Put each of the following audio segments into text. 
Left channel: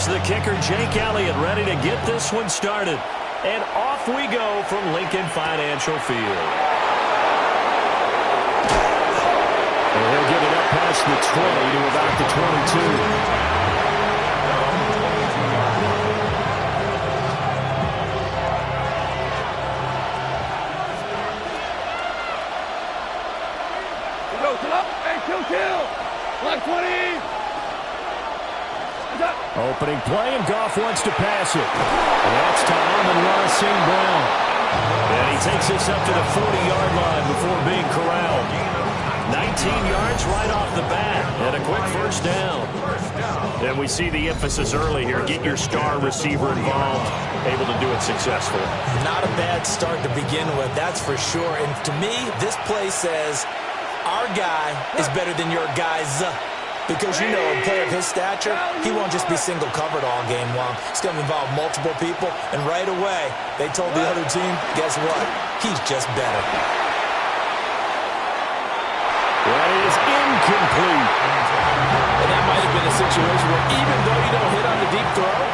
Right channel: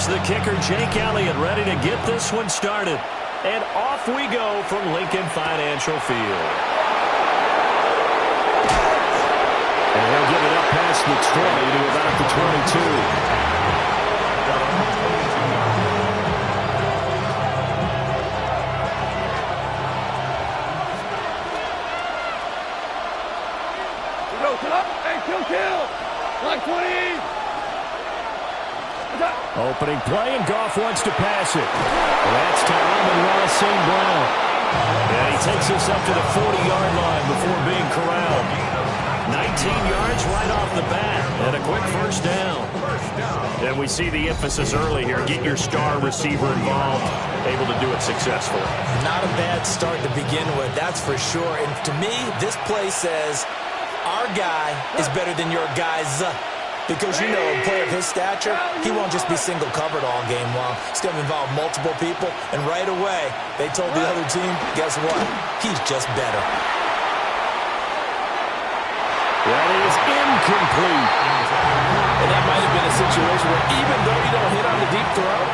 Here's the kicker, Jake Elliott, ready to get this one started. And off we go from Lincoln Financial Field. And he'll get it up past the 20 to about the 22. Kill! Block 20! Opening play, and Goff wants to pass it. That's to Amon-Ra St. Brown. And he takes this up to the 40-yard line before being corralled. 19 yards right off the bat, and a quick first down. And we see the emphasis early here. Get your star receiver involved, able to do it successfully. Not a bad start to begin with, that's for sure. And to me, this play says, our guy is better than your guys. Because, you know, a player of his stature, he won't just be single covered all game long. It's going to involve multiple people. And right away, they told the other team, guess what? He's just better. That is incomplete. And that might have been a situation where even though you don't hit on the deep throw,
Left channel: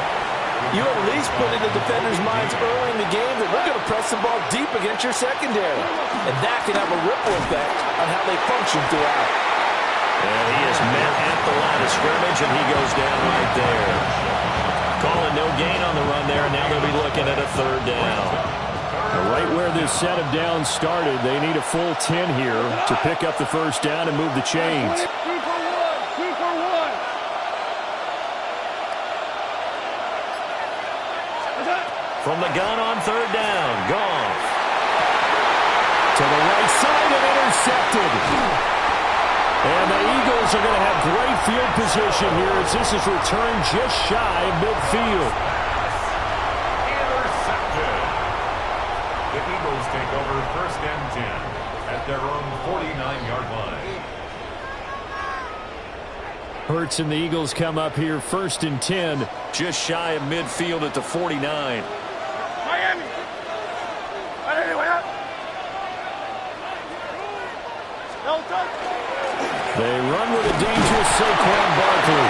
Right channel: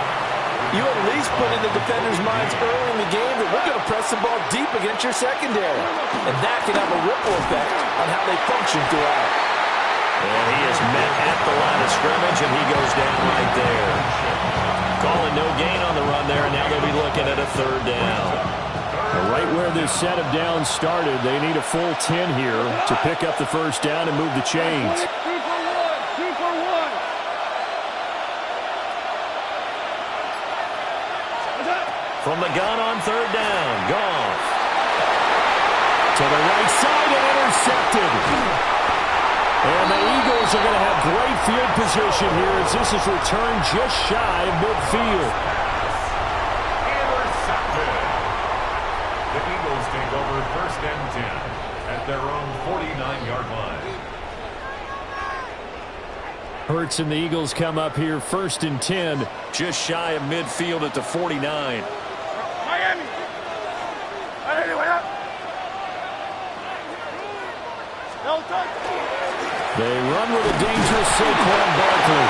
you at least put in the defenders' minds early in the game that we're going to press the ball deep against your secondary. And that can have a ripple effect on how they function throughout. And he is met at the line of scrimmage, and he goes down right there. Calling no gain on the run there, and now they'll be looking at a third down. Right where this set of downs started, they need a full 10 here to pick up the first down and move the chains. 2 for 1, 2 for 1. From the gun on third down, Goff. To the right side and intercepted. And the Eagles are going to have great field position here as this is returned just shy of midfield. Intercepted. The Eagles take over first and 10 at their own 49-yard line. Hurts and the Eagles come up here first and 10, just shy of midfield at the 49. Miami! They run with a dangerous Saquon Barkley.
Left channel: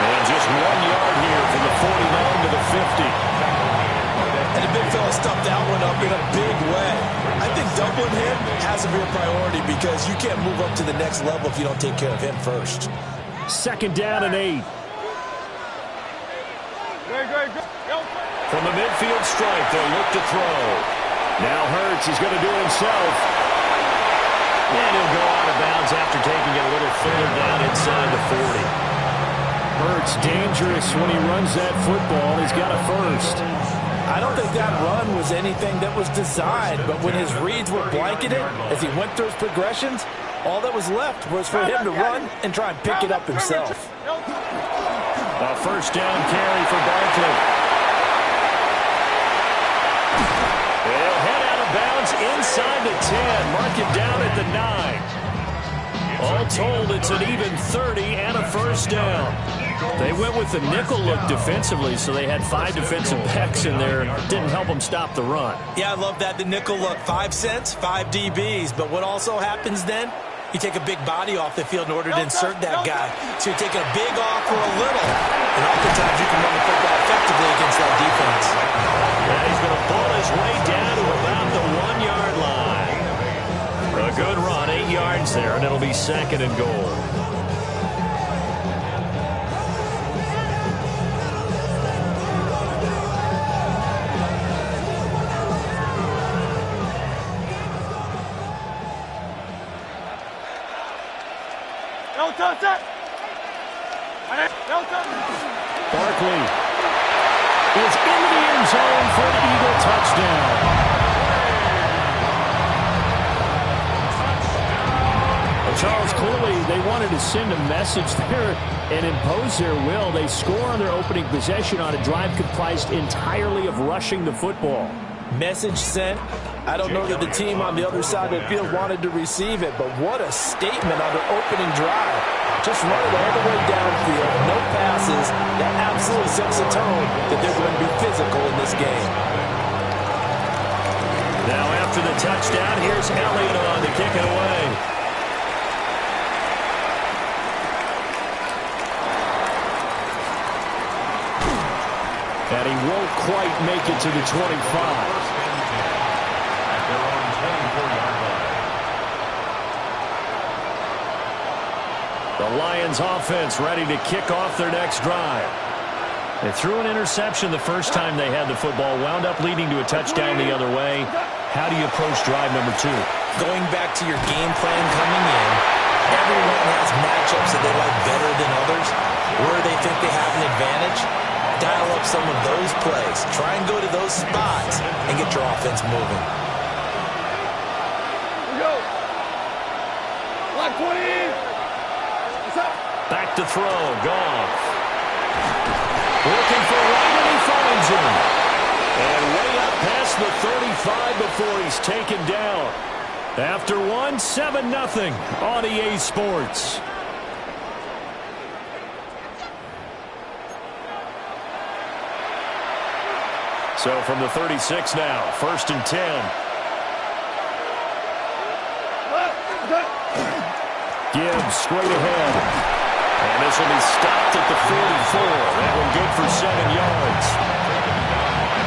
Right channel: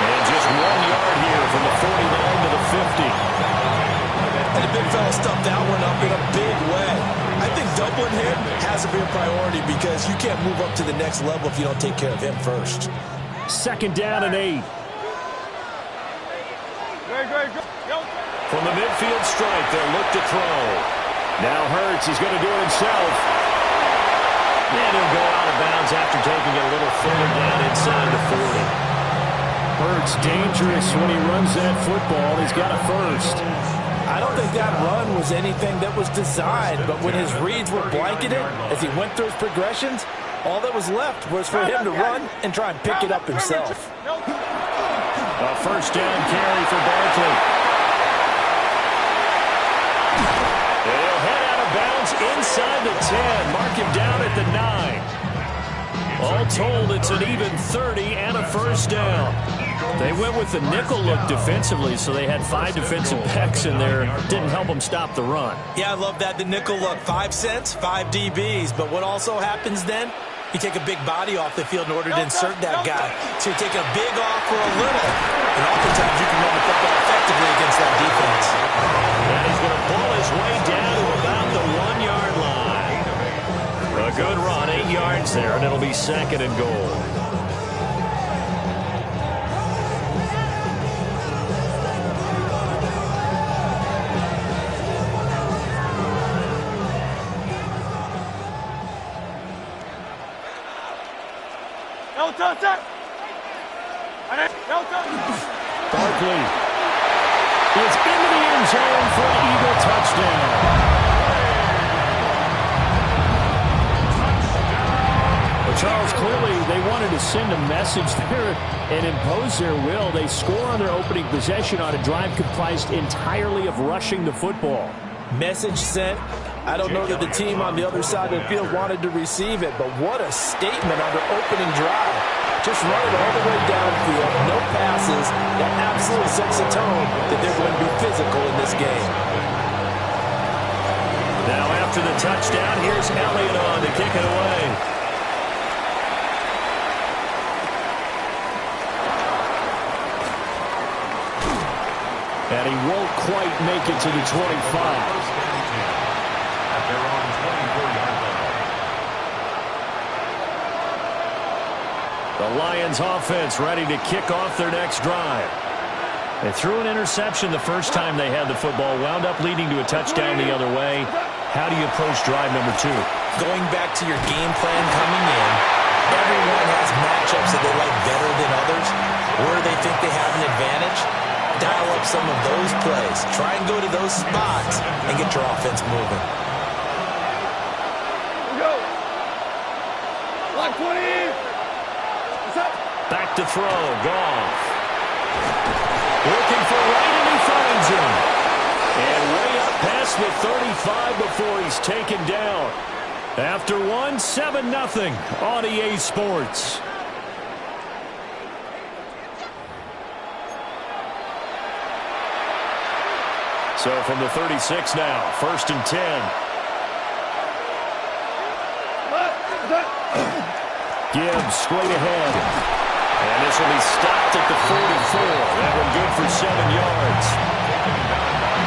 And just 1 yard here from the 49 to the 50. And the big fella stuffed that one up in a big way. I think doubling him has to be a priority because you can't move up to the next level if you don't take care of him first. Second down and 8. From the midfield stripe, they'll look to throw. Now Hurts, he's going to do it himself. And he'll go out of bounds after taking it a little further down inside the 40. Hurts dangerous when he runs that football. He's got a first. I don't think that run was anything that was designed, but when his reads were blanketed, as he went through his progressions, all that was left was for him to run and try and pick it up himself. A first down carry for Barkley. He'll head out of bounds inside the 10. Mark him down at the 9. All told, it's an even 30 and a first down. They went with the nickel look defensively, so they had 5 defensive backs in there. Didn't help them stop the run. Yeah, I love that. The nickel look, 5 cents, 5 DBs. But what also happens then? You take a big body off the field in order to insert that guy. So you're taking a big off for a little. And oftentimes you can run the football effectively against that defense. And he's going to pull his way down to about the 1 yard line. A good run, 8 yards there, and it'll be second and goal. Barkley is into the end zone for an Eagle touchdown. Well, Charles, clearly they wanted to send a message there and impose their will. They score on their opening possession on a drive comprised entirely of rushing the football. Message sent. I don't know that the team on the other side of the field wanted to receive it, but what a statement on their opening drive. Just run it all the way downfield, no passes. That absolutely sets the tone that they're going to be physical in this game. Now after the touchdown, here's Elliott on to kick it away. And he won't quite make it to the 25. First and 10 at their own 24-yard line. The Lions offense ready to kick off their next drive. They threw an interception the first time they had the football, wound up leading to a touchdown the other way. How do you approach drive number 2? Going back to your game plan coming in, everyone has matchups that they like better than others. Where they think they have an advantage, dial up some of those plays. Try and go to those spots and get your offense moving. Here we go. Block 20. What's up? Back to throw. Goff. Looking for right, and he finds him. And way up past the 35 before he's taken down. After 7-0 on EA Sports. So from the 36 now, 1st and 10. Gibbs straight ahead. And this will be stopped at the 44. That one good for 7 yards.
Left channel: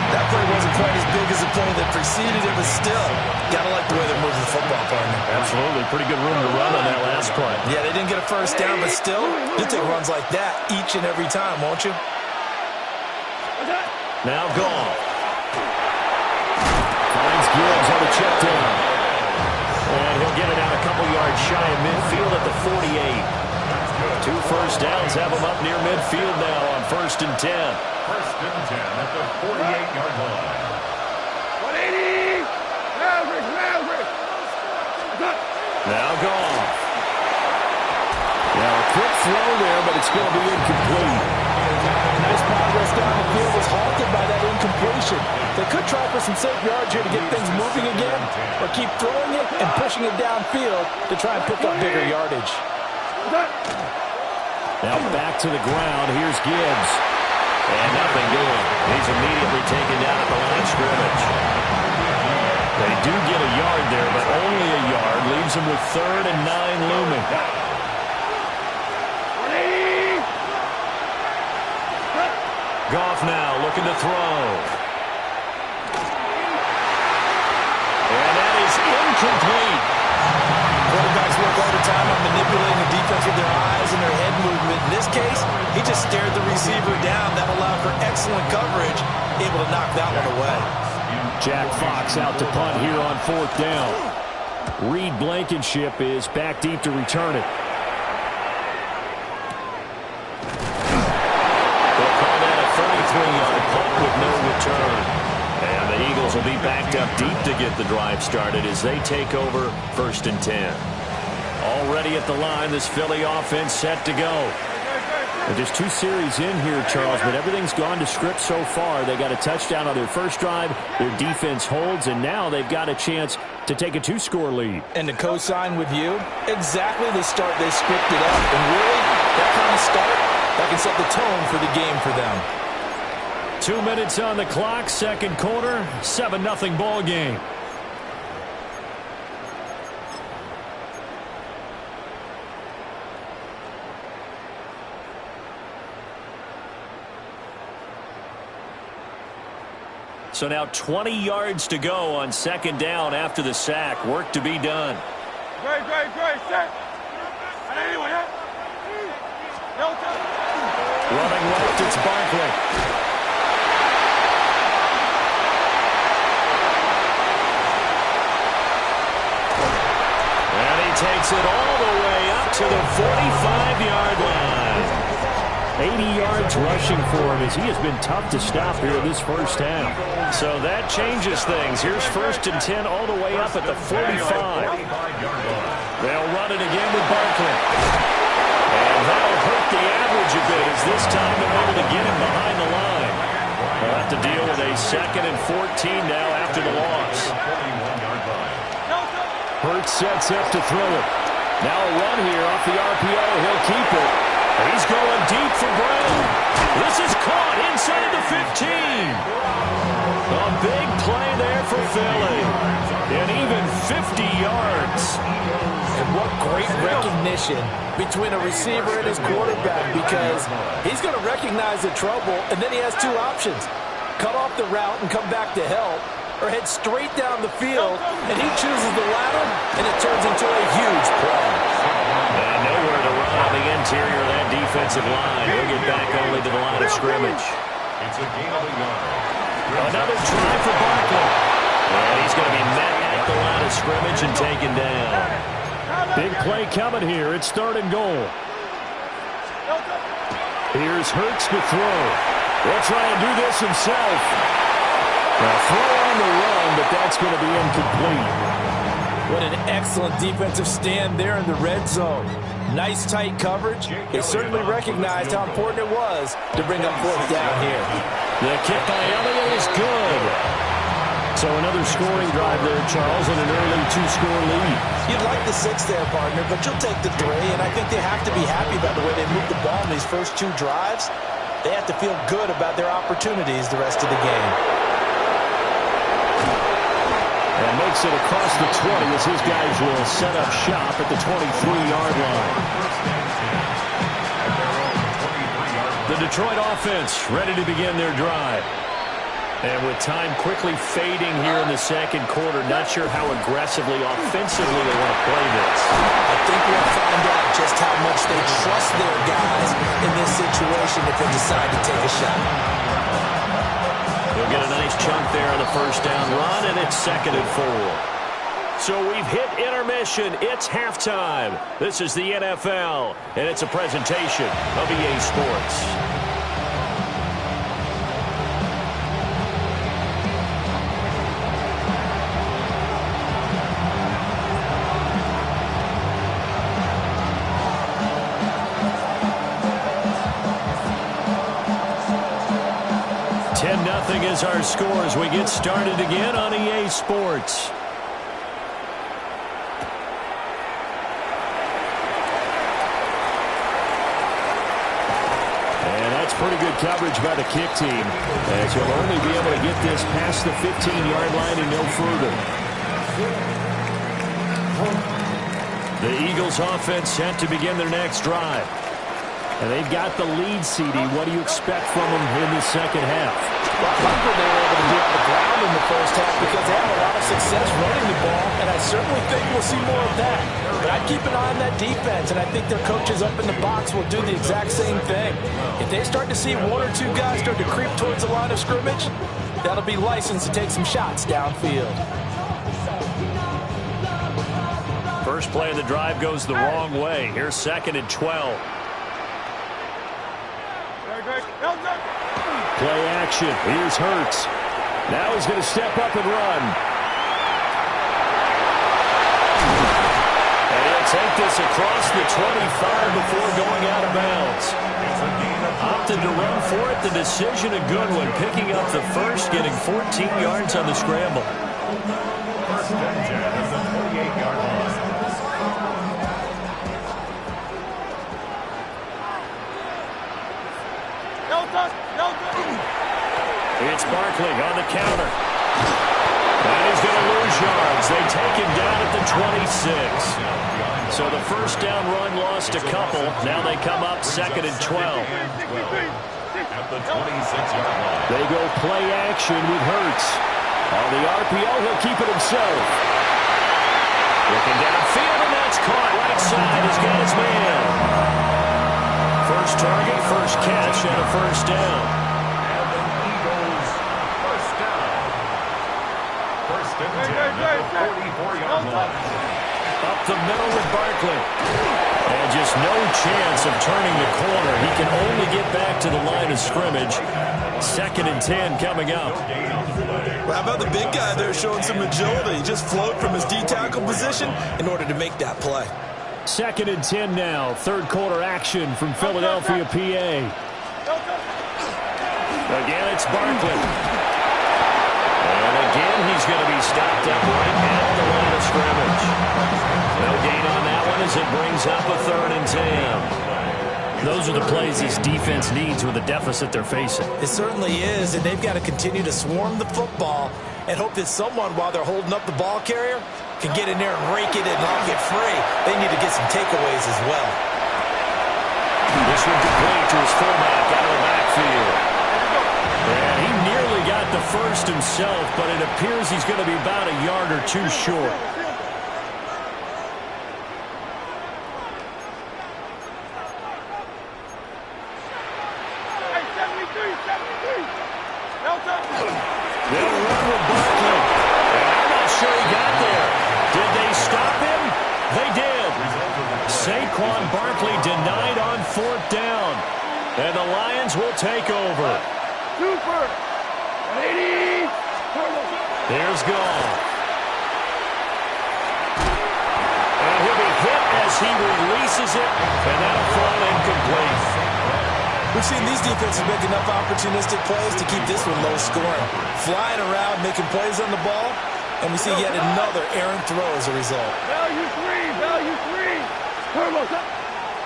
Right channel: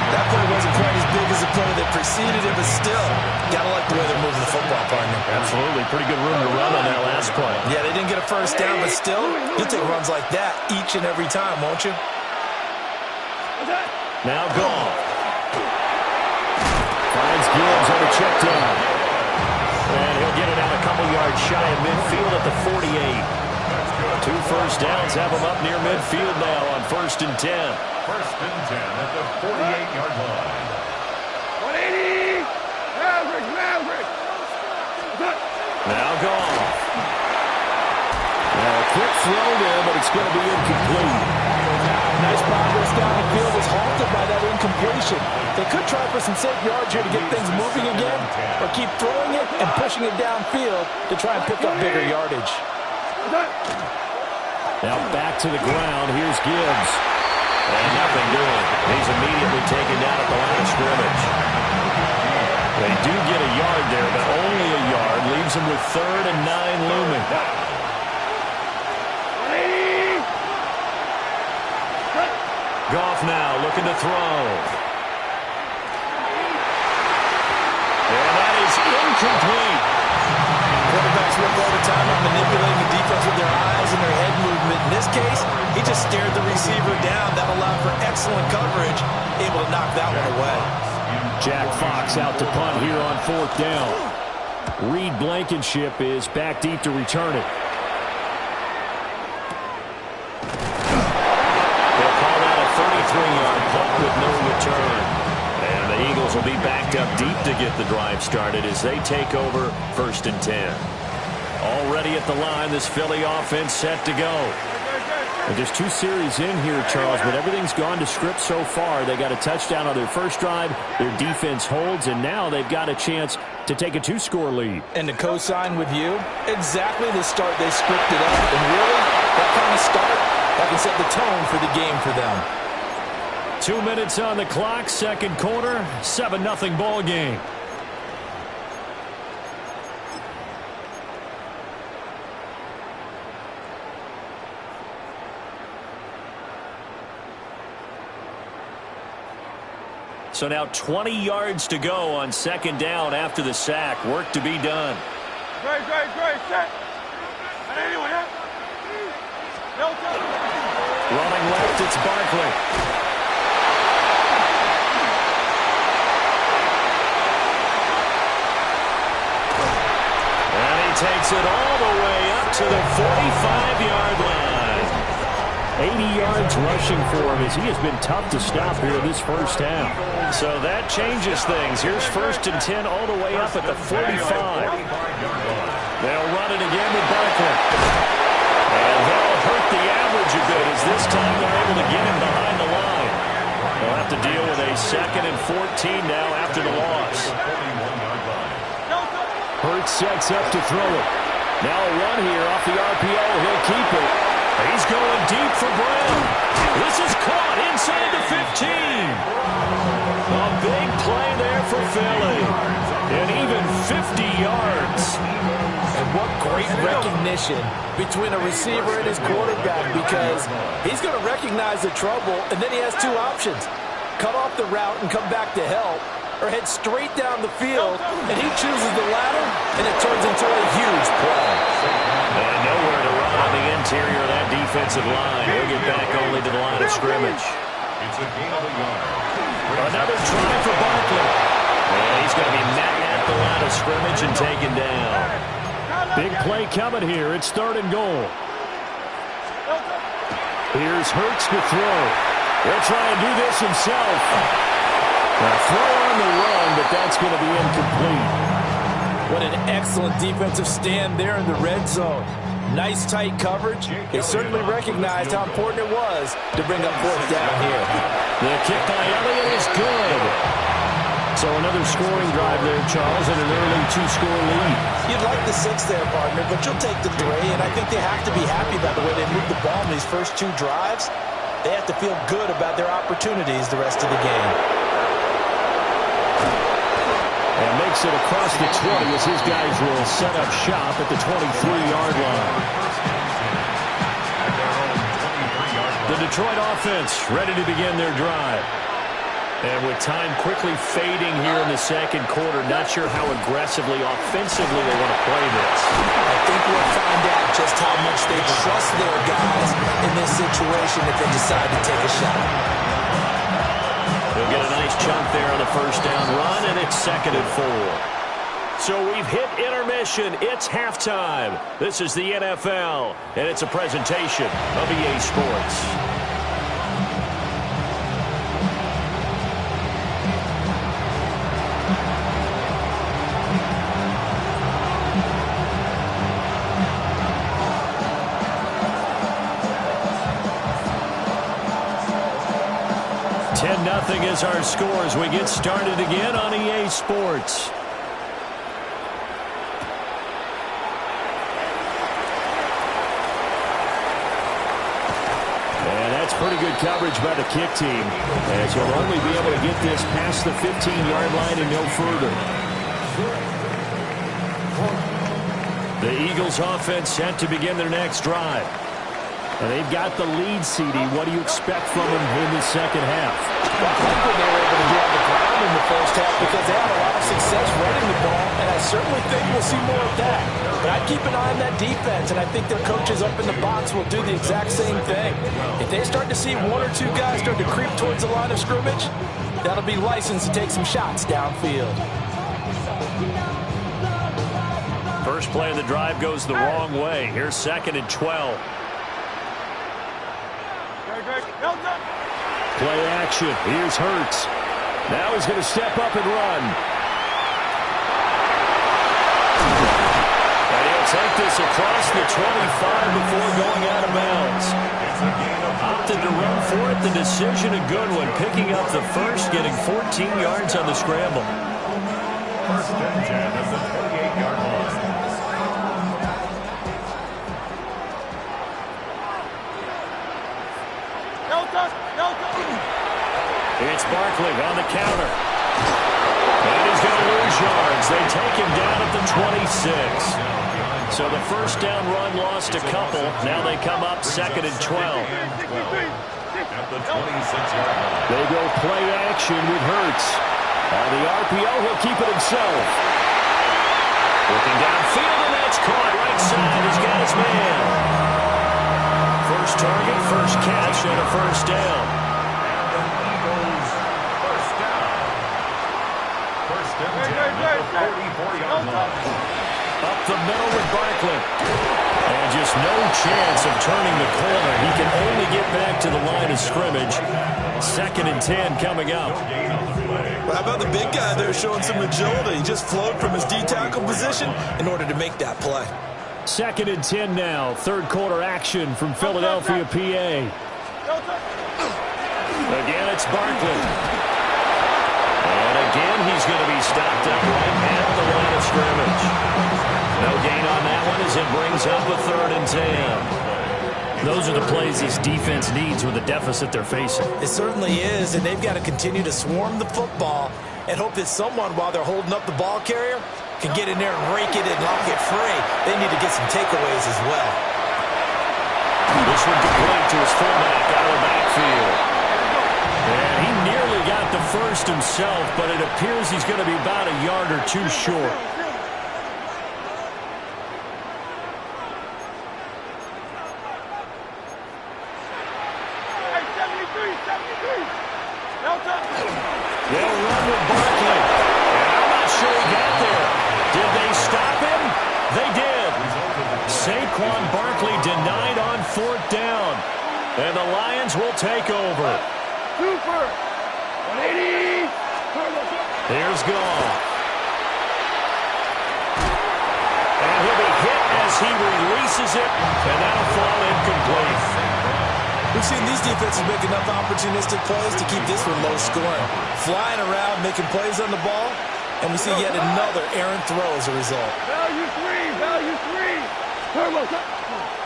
That play wasn't quite as big as the play that preceded it, but still, gotta like the way they're moving the football, partner. Absolutely. Pretty good room to run on that last play. Yeah, they didn't get a first down, but still, you'll take runs like that each and every time, won't you? Now Goff. Finds Gibbs on the check down. And he'll get it out a couple yards shy of midfield at the 48. 2 first downs have him up near midfield now on 1st and 10. 1st and 10 at the 48-yard line. 180. Maverick. Now Goff. Now a quick throw there, but it's going to be incomplete. Nice progress down the field was halted by that incompletion. They could try for some safe yards here to get things moving again, or keep throwing it and pushing it downfield to try and pick up bigger yardage. Now back to the ground. Here's Gibbs. And nothing doing. He's immediately taken down at the line of scrimmage. They do get a yard there, but only a yard. Leaves them with 3rd and 9 looming. Goff now looking to throw. And that is incomplete. Quarterbacks work all the time on manipulating the defense with their eyes and their head movement. In this case, he just stared the receiver down. That allowed for excellent coverage, able to knock that one away. Jack Fox out to punt here on 4th down. Reed Blankenship is back deep to return it. They'll call that a 33-yard punt with no return. And the Eagles will be backed up deep to get the drive started as they take over 1st and 10. Already at the line, this Philly offense set to go. And just 2 series in here, Charles, but everything's gone to script so far. They got a touchdown on their first drive. Their defense holds, and now they've got a chance to take a 2-score lead. And to co-sign with you, exactly the start they scripted up. And really, that kind of start, that can set the tone for the game for them. 2 minutes on the clock, 2nd quarter, 7-0 ball game. So now 20 yards to go on 2nd down after the sack. Work to be done. Great. Set. Anyone, yeah? Running left, it's Barkley. And he takes it all the way up to the 45-yard line. 80 yards rushing for him as he has been tough to stop here this first half. So that changes things. Here's 1st and 10 all the way up at the 45. They'll run it again with Barkley. And that'll hurt the average a bit as this time they're able to get him behind the line. They'll have to deal with a 2nd and 14 now after the loss. Hurts sets up to throw it. Now a run here off the RPO. He'll keep it. He's going deep for Brown. This is caught inside the 15. A big play there for Philly. And even 50 yards. And what great recognition between a receiver and his quarterback, because he's going to recognize the trouble, and then he has 2 options. cut off the route and come back to help, or head straight down the field, and he chooses the latter, and it turns into a huge play. And nowhere to run on the interior of that defensive line. He'll get back only to the line of scrimmage. It's a gain of a yard. Another try for Barkley. And he's going to be met at the line of scrimmage and taken down. Big play coming here. It's 3rd and goal. Here's Hurts to throw. He'll try and do this himself. Now throw on the run, but that's going to be incomplete. What an excellent defensive stand there in the red zone. Nice tight coverage. They certainly recognized how important it was to bring up 4th down here. The kick by Elliott is good. So another scoring drive there, Charles, and an early 2-score lead. You'd like the 6 there, partner, but you'll take the 3, and I think they have to be happy about the way they moved the ball in these first 2 drives. They have to feel good about their opportunities the rest of the game. And makes it across the 20 as his guys will set up shop at the 23-yard line. The Detroit offense ready to begin their drive. And with time quickly fading here in the second quarter, not sure how aggressively, offensively they want to play this. I think we'll find out just how much they trust their guys in this situation if they decide to take a shot. He'll get a nice chunk there on the first down run, and it's 2nd and 4. So we've hit intermission. It's halftime. This is the NFL, and it's a presentation of EA Sports. Nothing is our score as we get started again on EA Sports. And that's pretty good coverage by the kick team, as you'll only be able to get this past the 15-yard line and no further. The Eagles offense set to begin their next drive. And they've got the lead, CD. What do you expect from them in the second half? Well, I like what they were able to do on the ground in the first half because they had a lot of success running the ball, and I certainly think we'll see more of that. But I'd keep an eye on that defense, and I think their coaches up in the box will do the exact same thing. If they start to see 1 or 2 guys start to creep towards the line of scrimmage, that'll be licensed to take some shots downfield. First play of the drive goes the wrong way. Here's 2nd and 12. Play action. Here's Hurts. Now he's going to step up and run. And he'll take this across the 25 before going out of bounds. Opted to run for it. The decision a good one. Picking up the first, getting 14 yards on the scramble. First and 10 at the 28-yard line. It's Barkley on the counter. And he's going to lose yards. They take him down at the 26. So the first down run lost a couple. Now they come up 2nd and 12. At the 26-yard line. They go play action with Hurts. On the RPO, he'll keep it himself. Looking downfield, and that's caught. Right side, he's got his man. First target, first catch, and a first down. And the Eagles first down. First and 10 at the 44-yard line. Up the middle with Barkley. And just no chance of turning the corner. He can only get back to the line of scrimmage. 2nd and 10 coming up. Well, how about the big guy there showing some agility? He just flowed from his D-tackle position in order to make that play. 2nd and 10 now. Third quarter action from Philadelphia, PA. Again, it's Barkley. And again, he's going to be stopped up right at the line of scrimmage. No gain on that one as it brings up a 3rd and 10. Those are the plays this defense needs with the deficit they're facing. It certainly is, and they've got to continue to swarm the football and hope that someone, while they're holding up the ball carrier, can get in there and rake it and knock it free. They need to get some takeaways as well. This one complete to his fullback out of the backfield. And he nearly got the first himself, but it appears he's going to be about a yard or two short. They'll run with Barkley. And I'm not sure he got there. Did they stop him? They did. Saquon Barkley denied on 4th down. And the Lions will take over. Super. 180. Here's Goff. And he'll be hit as he releases it. And that'll fall incomplete. We've seen these defenses make enough opportunistic plays to keep this one low scoring. Flying around, making plays on the ball, and we see yet another errant throw as a result. Value three. Turbo.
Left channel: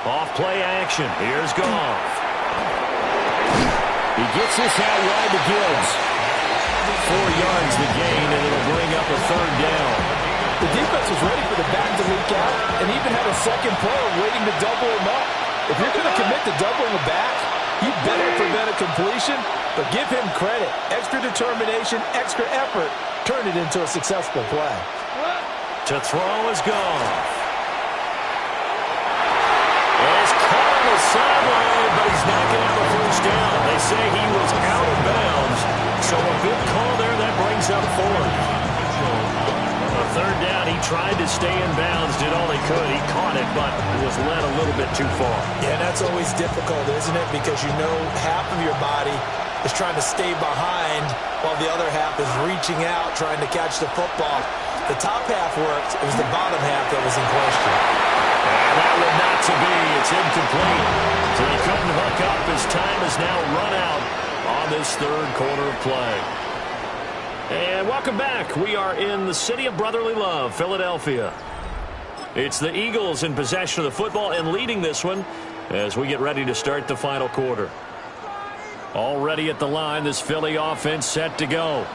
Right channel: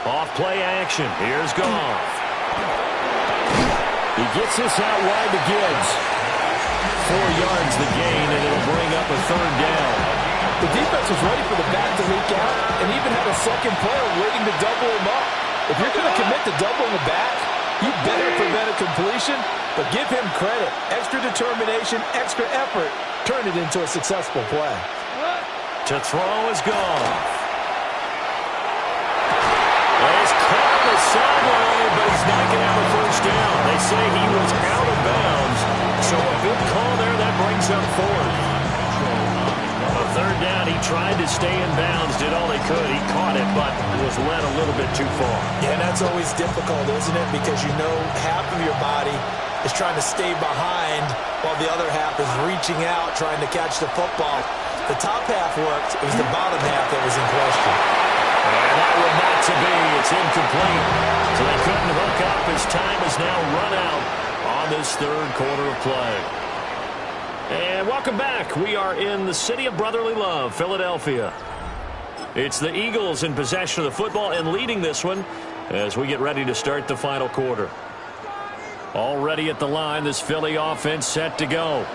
Off play action. Here's Goff. He gets this out wide to Gibbs. 4 yards the gain, and it'll bring up a 3rd down. The defense was ready for the back to leak out and even had a second player waiting to double him up. If you're going to commit to doubling the back, you better prevent a completion, but give him credit. Extra determination, extra effort, turn it into a successful play. To throw is Goff. And he's caught on the sideline, but he's not going to have a first down. They say he was out of bounds, so a good call there. That brings up 4th. A 3rd down, he tried to stay in bounds, did all he could. He caught it, but was led a little bit too far. Yeah, and that's always difficult, isn't it? Because you know half of your body is trying to stay behind while the other half is reaching out, trying to catch the football. The top half worked. It was the bottom half that was in question. And that one not to be. It's incomplete. So they couldn't hook up as time has now run out on this 3rd quarter of play. And welcome back. We are in the city of brotherly love, Philadelphia. It's the Eagles in possession of the football and leading this one as we get ready to start the final quarter. Already at the line, this Philly offense set to go.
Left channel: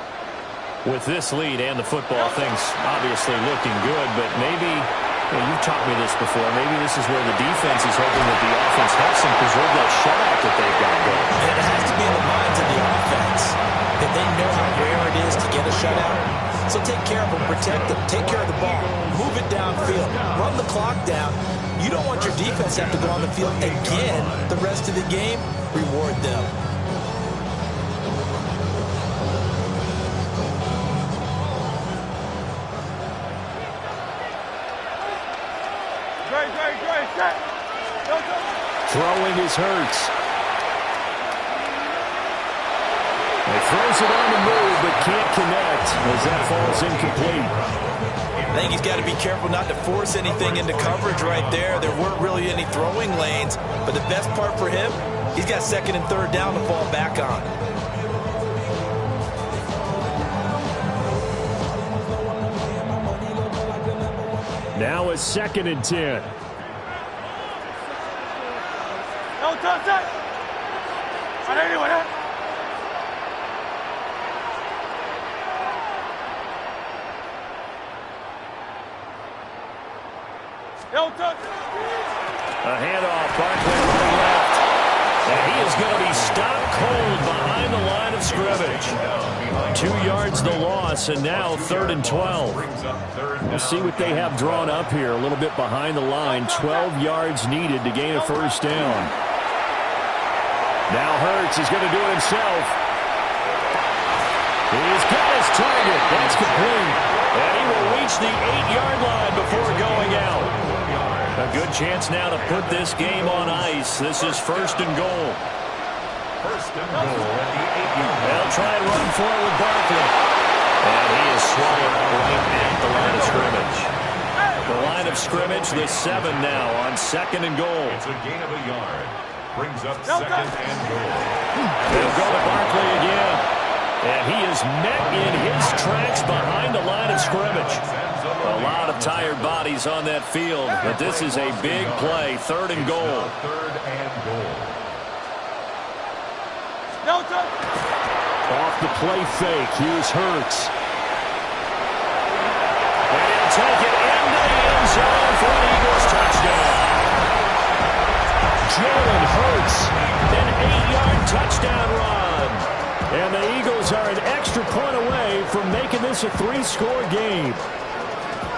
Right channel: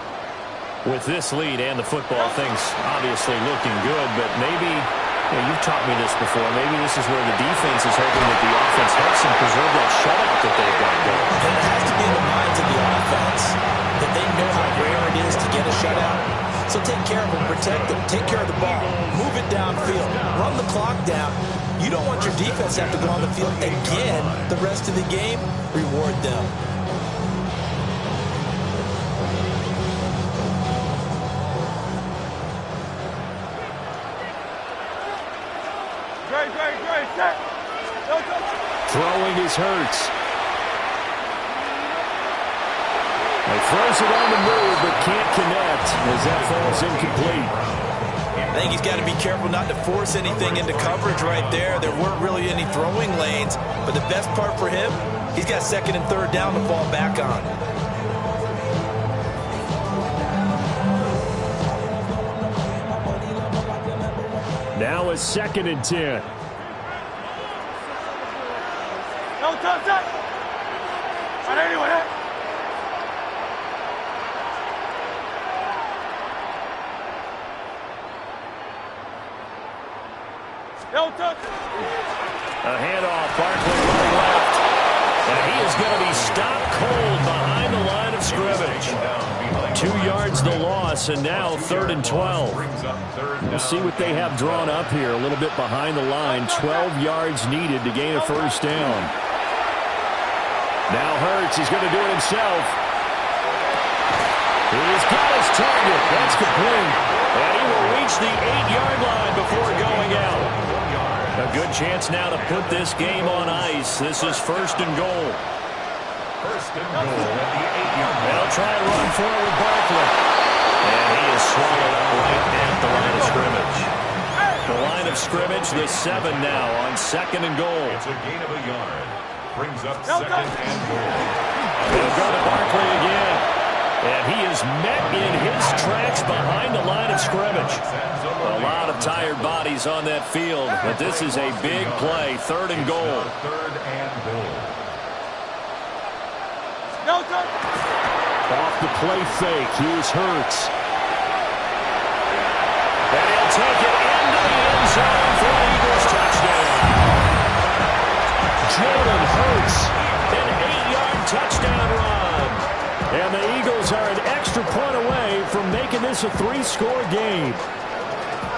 With this lead and the football, things obviously looking good, but maybe, you've taught me this before, maybe this is where the defense is hoping that the offense helps them preserve that shutout that they've got going. And it has to be in the minds of the offense that they know how rare it is to get a shutout. So take care of them, protect them, take care of the ball, move it downfield, run the clock down. You don't want your defense to have to go on the field again the rest of the game. Reward them. Great, set. Throwing is Hurts. He throws it on the move, but can't connect as that falls incomplete. I think he's got to be careful not to force anything into coverage right there. There weren't really any throwing lanes, but the best part for him, he's got 2nd and 3rd down to fall back on. Now a 2nd and 10. No touch that. Right anyway, that. No touch. A handoff, Barkley running left. And he is going to be stopped cold behind the line of scrimmage. 2 yards the loss, and now 3rd and 12. We'll see what they have drawn up here. A little bit behind the line. 12 yards needed to gain a first down. Now Hurts, he's going to do it himself. He's got his target. That's complete. And he will reach the 8-yard line before going out. A good chance now to put this game on ice. This is 1st and goal. 1st and goal at the 8-yard line. They'll try and run for it with Barkley. And he is swallowed up right at the line of scrimmage. The line of scrimmage, the 7 now on 2nd and goal. It's a gain of a yard. Brings up 2nd and goal. They'll go to Barkley again. And he is met in his tracks behind the line of scrimmage. A lot of tired bodies on that field, but this is a big play. 3rd and goal. 3rd and goal. No touch. Off the play fake, here's Hurts. And he'll take it into the end zone for an Eagles touchdown. Jalen Hurts, an 8-yard touchdown run. And the Eagles are an extra point away from making this a 3-score game.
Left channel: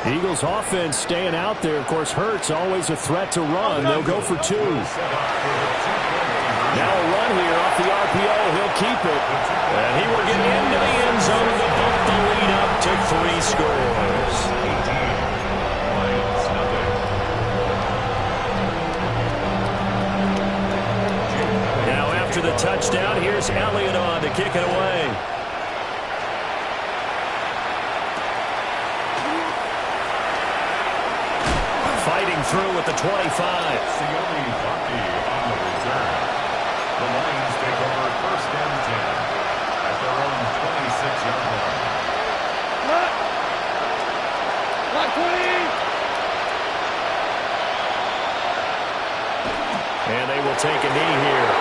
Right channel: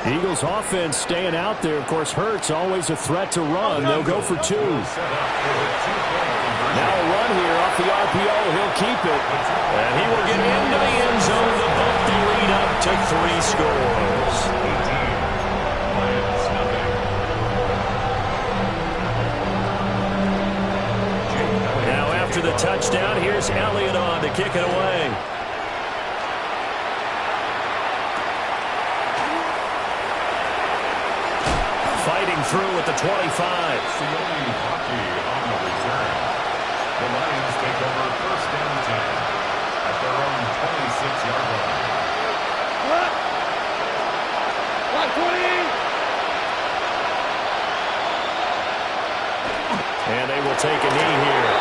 Eagles offense staying out there. Of course, Hurts always a threat to run. They'll go for 2. Now a run here off the RPO. He'll keep it. And he will get into the end zone to bump the lead up to 3 scores. 18. Lions nothing. Now after the touchdown, here's Elliott on to kick it away. Fighting through at the 25. Sione Hockey on the return. The Lions take over 1st and 10 at their own 26-yard line. Block 20. And they will take a knee here.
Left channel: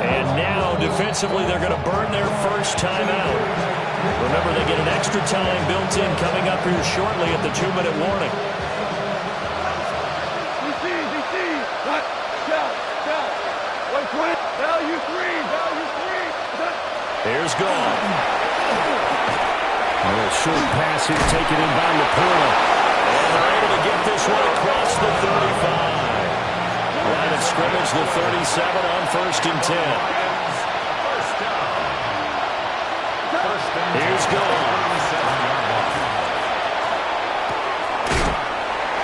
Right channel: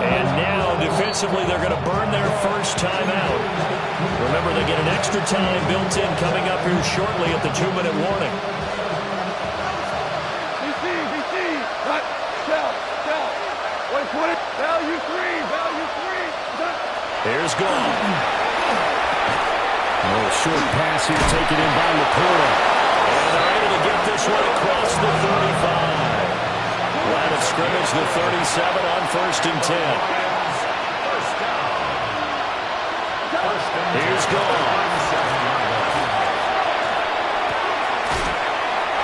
And now, defensively, they're going to burn their first timeout. Remember, they get an extra time built in coming up here shortly at the 2-minute warning. DC. Cut. Tell. 120. Value 3. Here's Goff. A little short pass here taken in by Laporta. And they're able to get this one across the 35. Line of scrimmage, the 37 on 1st and 10. Lions, first down. Here's Goff.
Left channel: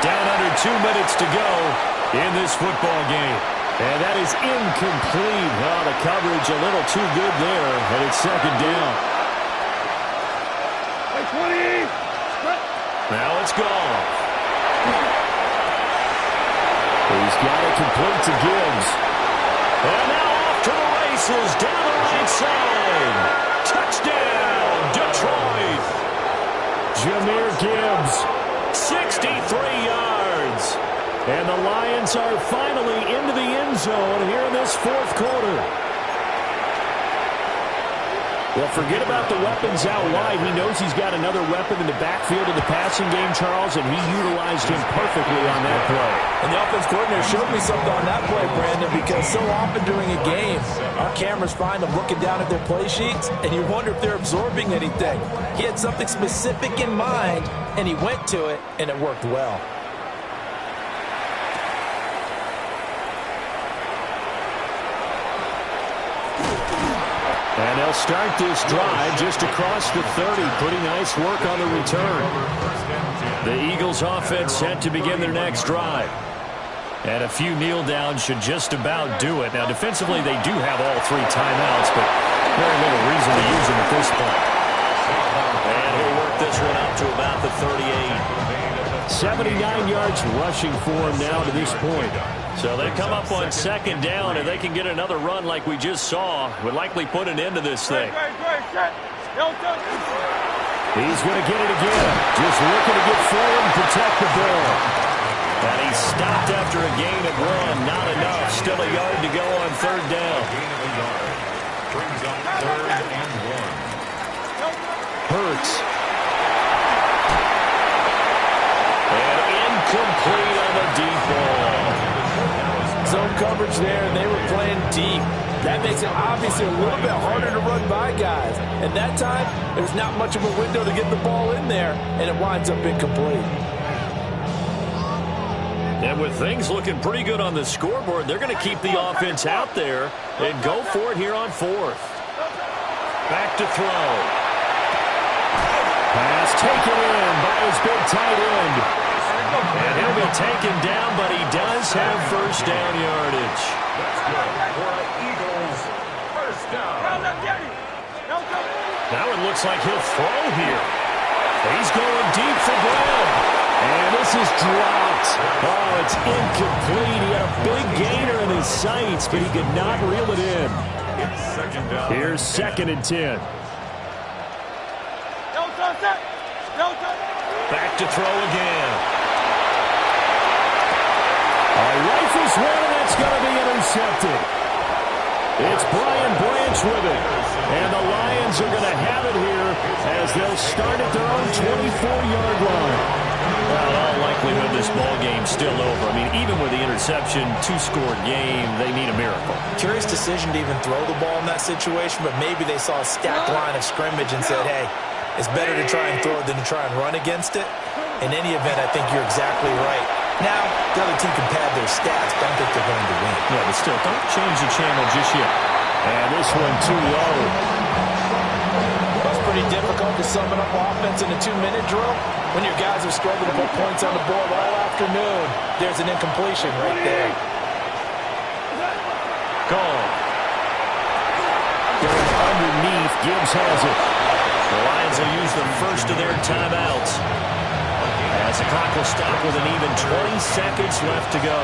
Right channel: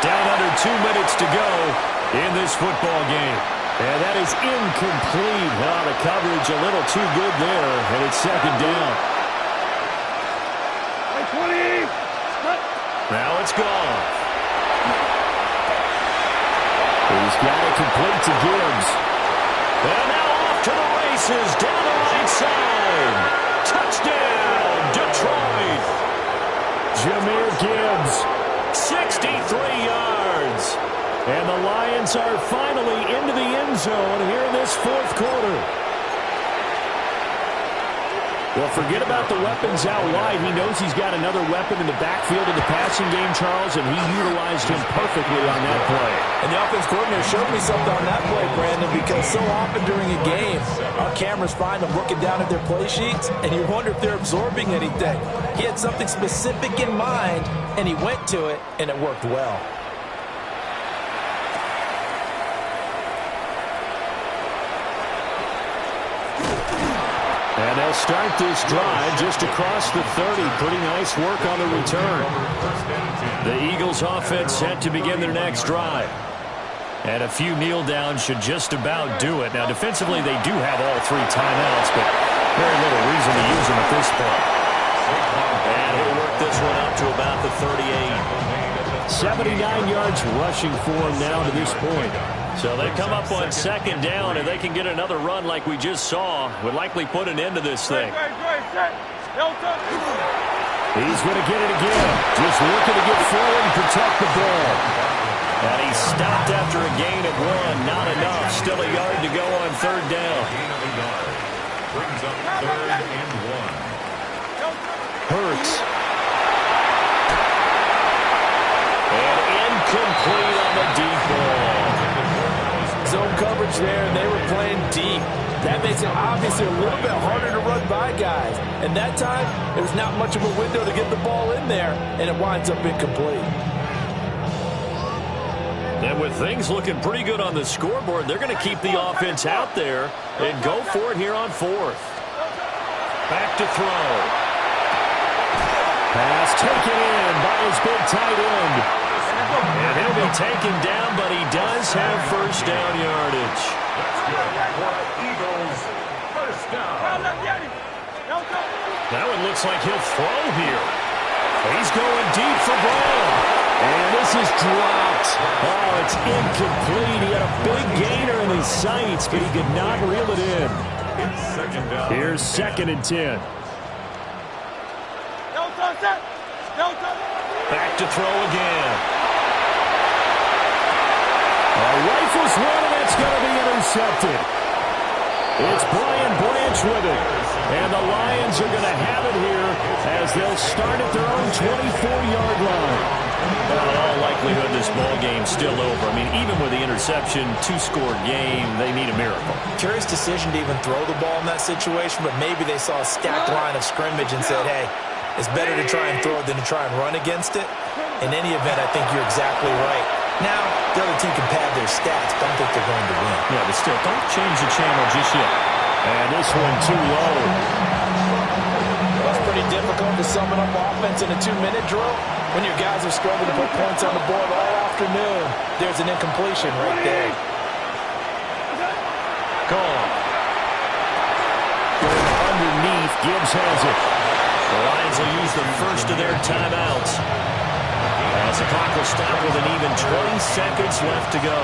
Down under 2 minutes to go in this football game. And that is incomplete. Oh, the coverage a little too good there, and it's 2nd down. 20. Now it's Goff. He's got it complete to Gibbs. And now off to the races down the right side. Touchdown, Detroit. Jahmyr Gibbs, 63 yards. And the Lions are finally into the end zone here in this 4th quarter. Well, forget about the weapons out wide. He knows he's got another weapon in the backfield of the passing game, Charles, and he utilized him perfectly on that play. And the offense coordinator showed me something on that play, Brandon, because so often during a game, our cameras find them looking down at their play sheets, and you wonder if they're absorbing anything. He had something specific in mind, and he went to it, and it worked well. And they'll start this drive just across the 30. Pretty nice work on the return. The Eagles offense set to begin their next drive. And a few kneel downs should just about do it. Now, defensively, they do have all 3 timeouts, but very little reason to use them at this point. And he'll work this one up to about the 38. 79 yards rushing for him now to this point. So they come up on 2nd down, and they can get another run like we just saw. Would likely put an end to this thing. He's going to get it again. Just looking to get forward and protect the ball. And he's stopped after a gain of 1. Not enough. Still a yard to go on 3rd down. Gain of a yard. Brings up 3rd and 1. Hurts. And incomplete on the deep ball. Zone coverage there, and they were playing deep. That makes it obviously a little bit harder to run by guys. And that time, there's not much of a window to get the ball in there, and it winds up incomplete. And with things looking pretty good on the scoreboard, they're going to keep the offense out there and go for it here on 4th. Back to throw. Pass taken in by his big tight end. And he'll be taken down, but he does have 1st down yardage. That's good for the Eagles. 1st down. Now it looks like he'll throw here. He's going deep for Brown. And this is dropped. Oh, it's incomplete. He had a big gainer in his sights, but he could not reel it in. It's 2nd down. Here's 2nd and 10. Back to throw again. Rifles one, and that's going to be intercepted. It's Brian Branch with it. And the Lions are going to have it here as they'll start at their own 24-yard line. Well, in all likelihood, this ball game's still over. I mean, even with the interception, two-score game, they need a miracle. Curious decision to even throw the ball in that situation, but maybe they saw a stacked line of scrimmage and said, hey, it's better to try and throw it than to try and run against it. In any event, I think you're exactly right. Now, the other team can pad their stats, but I don't think they're going to win. Yeah, but still, don't change the channel just yet. And this one too low. That's pretty difficult to sum it up offense in a 2-minute drill. When your guys have struggled to put points on the board all afternoon, there's an incompletion right there. Gone. Going underneath, Gibbs has it. The Lions will use the first of their timeouts, as the clock will stop with an even 20 seconds left to go.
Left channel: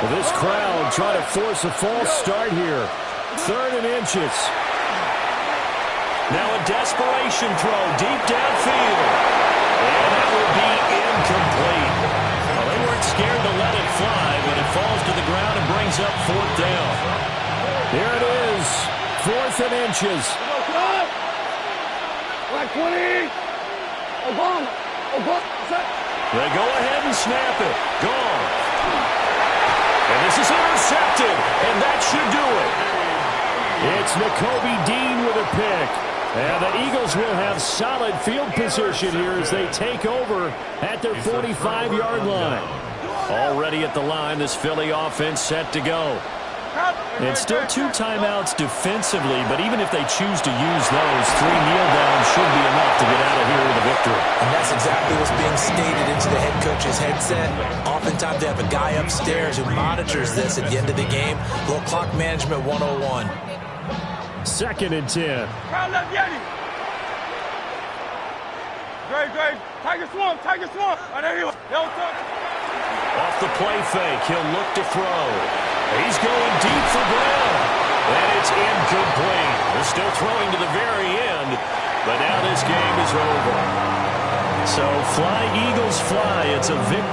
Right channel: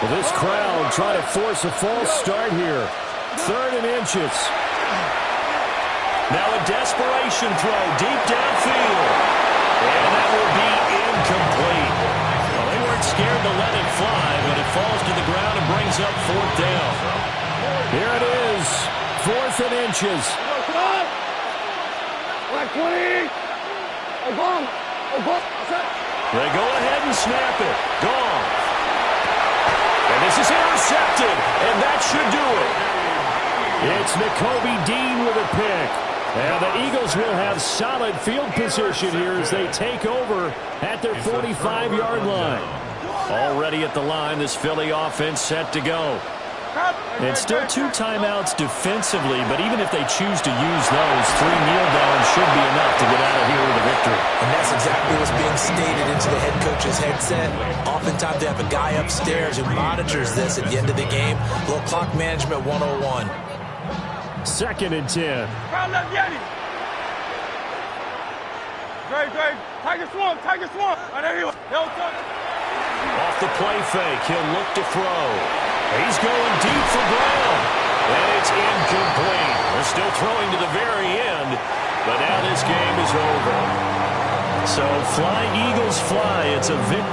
Well, this crowd trying to force a false start here. 3rd and inches. Now a desperation throw deep downfield. And that will be incomplete. Well, they weren't scared to let it fly, but it falls to the ground and brings up 4th down. Here it is. 4th and inches. They go ahead and snap it. Gone. And this is intercepted, and that should do it. It's Nakobe Dean with a pick. And the Eagles will have solid field position here as they take over at their 45-yard line. Already at the line, this Philly offense set to go. And still 2 timeouts defensively, but even if they choose to use those, 3 kneel downs should be enough to get out of here with a victory. And that's exactly what's being stated into the head coach's headset. Oftentimes they have a guy upstairs who monitors this at the end of the game. A little clock management 101. 2nd and 10. Great. Tiger swamp. Off the play fake, he'll look to throw. He's going deep for Brown. And it's incomplete. They're still throwing to the very end, but now this game is over. So fly, Eagles, fly. It's a victory.